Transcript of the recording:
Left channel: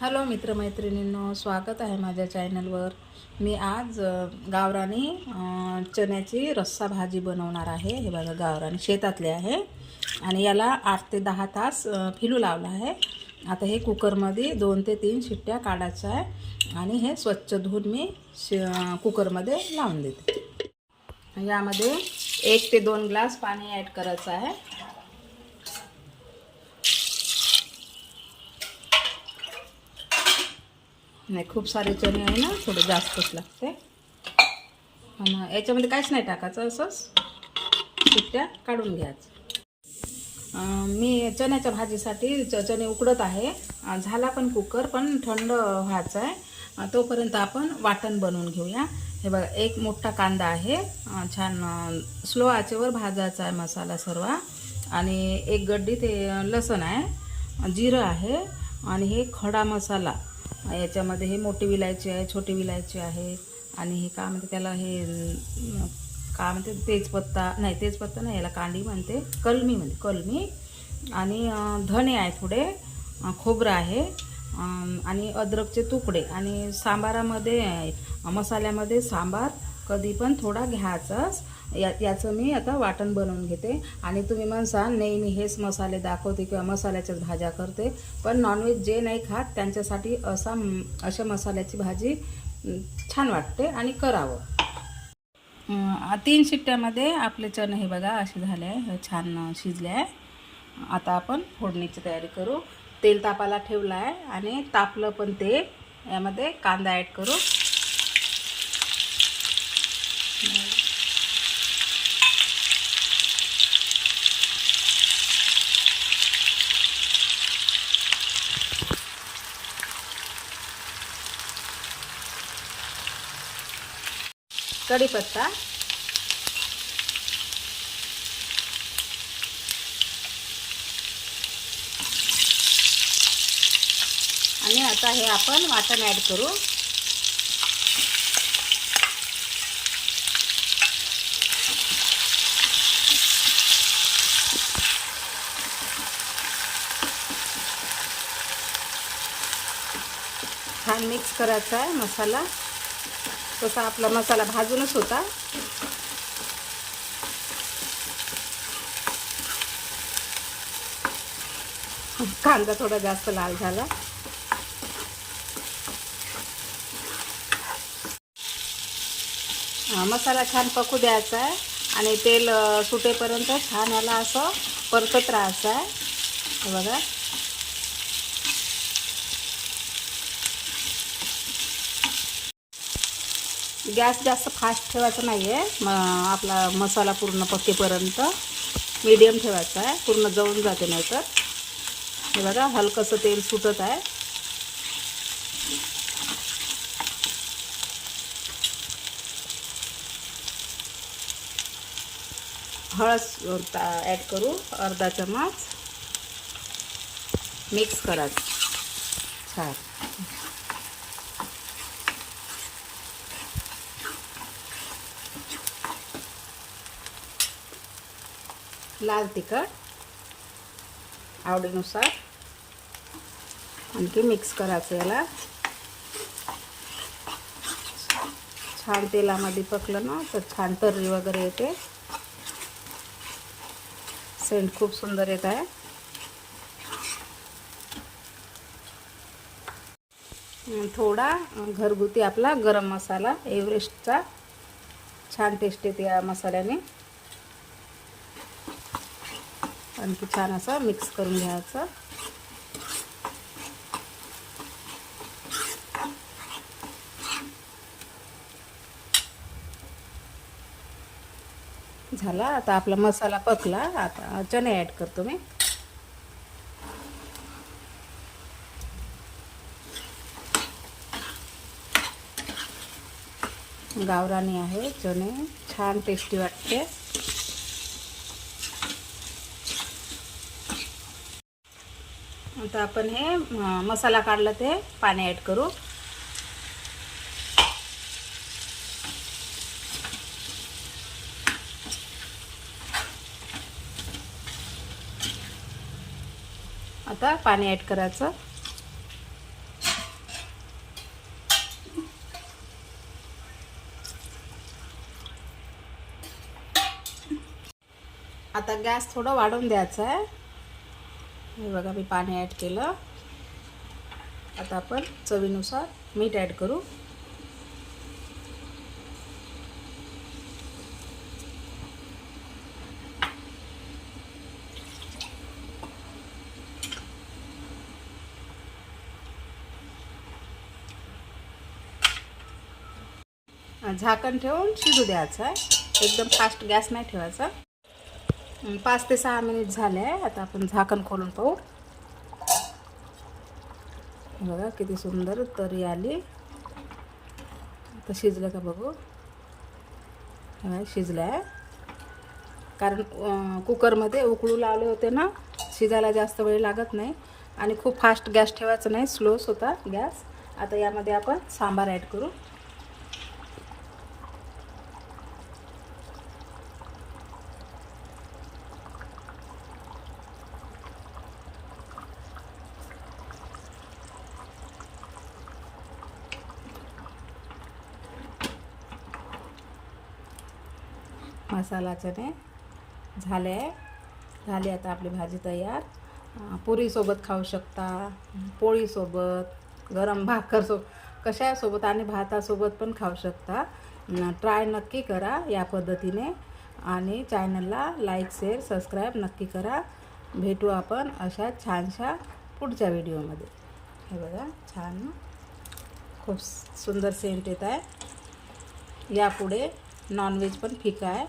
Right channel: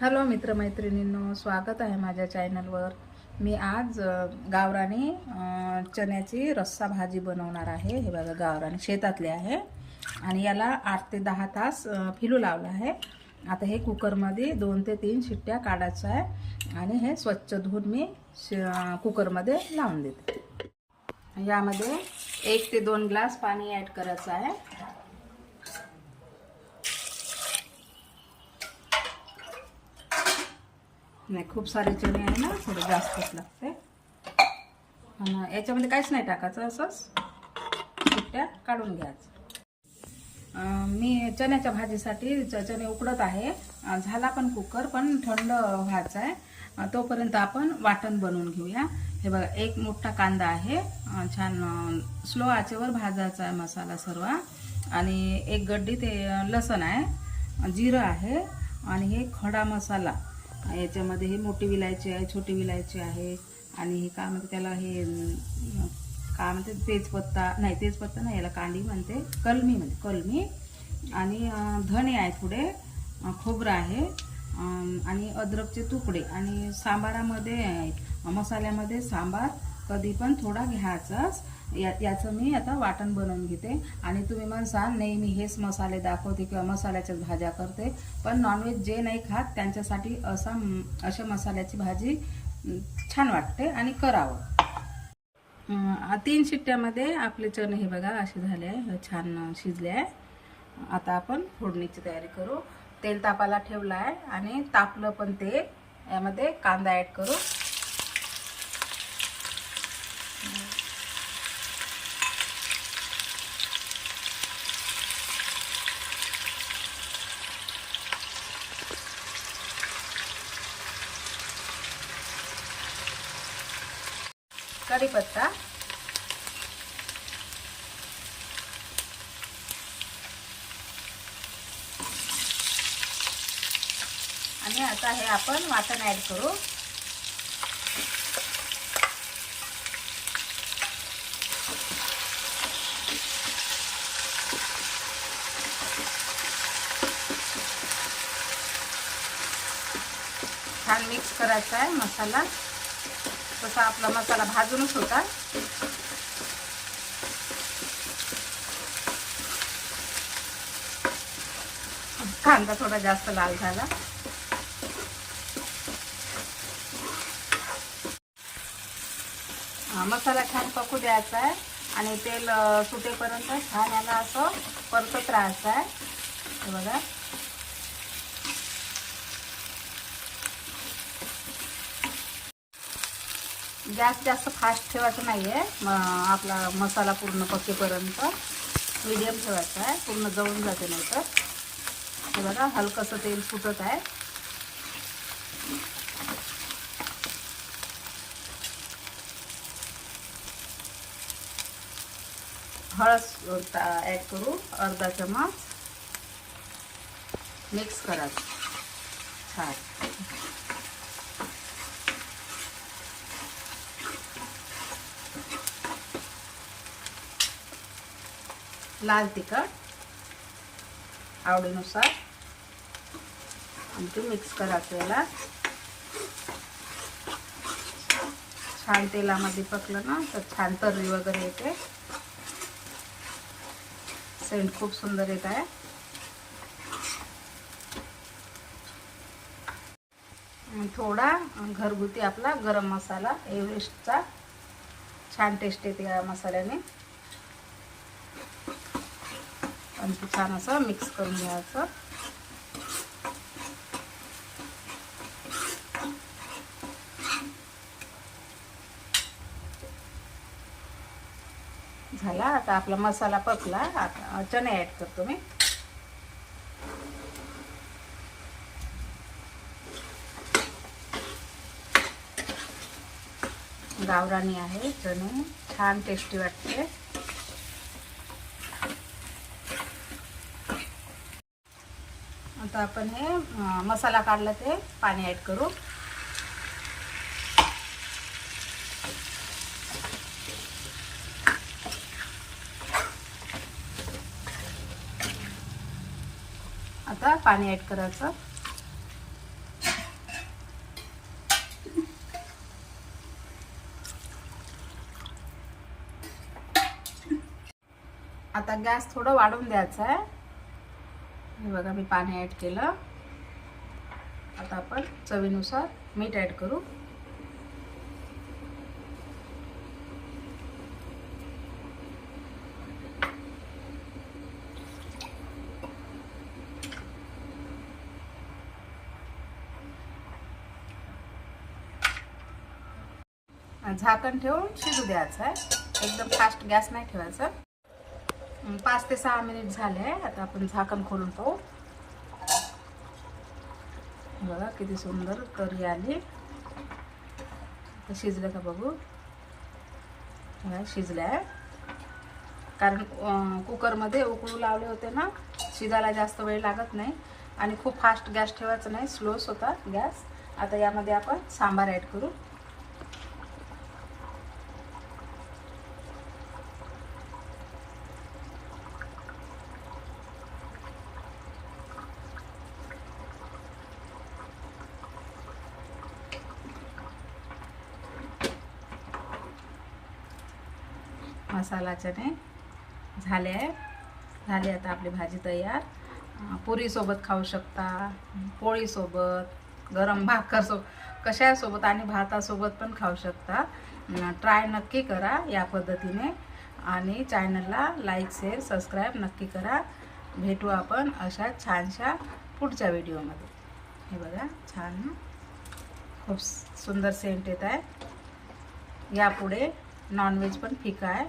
Hello मित्रमैत्रिणींनो स्वागत आहे माझ्या चॅनलवर. मी आज अ, गावरानी चण्याची रस्सा भाजी बनवणार आहे. हे बघा गावराने शेतातली आहे. आणि याला आठ ते दहा तास फिलू लावला आहे. आता हे कुकरमध्ये दोन ते तीन शिट्ट्या काढायचं आहे. आणि हे स्वच्छ धुवून मी शि कुकरमध्ये लावून देते. यामध्ये एक ते दोन ग्लास पाणी ॲड करायचं आहे. नाही खूप सारे चणे आहे ना थोडं जास्तच लागते. आणि याच्यामध्ये काहीच नाही टाकायचं असंच सुट्ट्या काढून घ्यायचं. मी चण्याच्या भाजीसाठी च चणे उकडत आहे. झाला पण कुकर पण थंड व्हायचा आहे. तोपर्यंत आपण वाटण बनवून घेऊया. हे बघा एक मोठा कांदा आहे. छान स्लो आचेवर भाजायचा आहे मसाला सर्व. आणि एक गड्डी ते लसण आहे. जिरं आहे. आणि हे खडा मसाला. याच्यामध्ये हे मोठी विलायची आहे छोटी विलायची आहे. आणि हे काय म्हणते त्याला हे काय म्हणते तेजपत्ता नाही तेजपत्ता नाही याला कांडी म्हणते. कलमी म्हणते कलमी. आणि धणे आहे थोडे खोबरं आहे. आणि अद्रकचे तुकडे. आणि सांबारामध्ये मसाल्यामध्ये सांबार कधी पण थोडा घ्यायचाच. या याचं मी आता वाटण बनवून घेते. आणि तुम्ही म्हणसाल नेहमी हेच मसाले दाखवते किंवा मसाल्याच्याच भाज्या करते. पण नॉनव्हेज जे नाही खात त्यांच्यासाठी असा अशा मसाल्याची भाजी छान वाटते आणि करावं. तीन शिट्ट्यामध्ये आपले चणे हे बघा असे झाले आहे. हे छान शिजले आहे. आता आपण फोडणीची तयारी करू. तेल तापाला ठेवलं आहे आणि तापलं पण ते. यामध्ये कांदा ॲड करू. कढीपत्ता आणि आता हे आपण वाटण ॲड करू. छान मिक्स करायचा आहे मसाला. तसा आपला मसाला भाजूनच होता. कांदा थोडा जास्त लाल झाला. मसाला छान पकू द्यायचा आहे आणि तेल सुटेपर्यंत छान याला असं परतत राहायचं आहे. बघा. गॅस जास्त फास्ट ठेवायचा नाही आहे म आपला मसाला पूर्ण पकेपर्यंत मीडियम ठेवायचा आहे. पूर्ण जळून जाते नंतर. बघा हलकंसं तेल सुटत आहे. हळद ॲड करू. अर्धा चमच मिक्स करायचं. छान. लाल तिखट आवडीनुसार. आणखी मिक्स करायचं याला. छान तेलामध्ये पकलं ना तर छान तर्री वगैरे येते. सेंट खूप सुंदर येत आहे. थोडा घरगुती आपला गरम मसाला एव्हरेस्टचा. छान टेस्ट येते या मसाल्याने. आणखी छान असं मिक्स करून घ्यायचं. झाला. आता आपला मसाला पकला. आता चणे ॲड करतो मी. गावरानी आहे चणे. छान टेस्टी वाटते. आता आपण हे मसाला काढला ते पाणी ॲड करू. आता पाणी ॲड करायचं. आता गॅस थोडं वाढून द्यायचा आहे हे बघा मी पाणी ॲड केलं. आता आपण चवीनुसार मीठ ॲड करू. झाकण ठेवून शिजू द्यायचं आहे. एकदम फास्ट गॅस नाही ठेवायचा. पाच ते सहा मिनिट झाले आहे. आता आपण झाकण खोलून पाहू. बघा किती सुंदर तरी आली. तर शिजलं का बघू? नाही शिजलं आहे. कारण कुकरमध्ये उकळू लावले होते ना शिजायला जास्त वेळ लागत नाही. आणि खूप फास्ट गॅस ठेवायचा नाही स्लोच होता गॅस. आता यामध्ये आपण सांबार ॲड करू. मसाला चणे झाले आहे झाले आता आपली भाजी तयार. पुरीसोबत खाऊ शकता पोळीसोबत गरम भाकरसो कशासोबत आणि भातासोबत पण खाऊ शकता. ट्राय नक्की करा या पद्धतीने आणि चॅनलला लाईक शेअर सबस्क्राईब नक्की करा. भेटू आपण अशा छानशा पुढच्या व्हिडिओमध्ये हे बघा छान खूप सुंदर सेंट येत आहे. यापुढे नॉनव्हेज पण फिका आहे.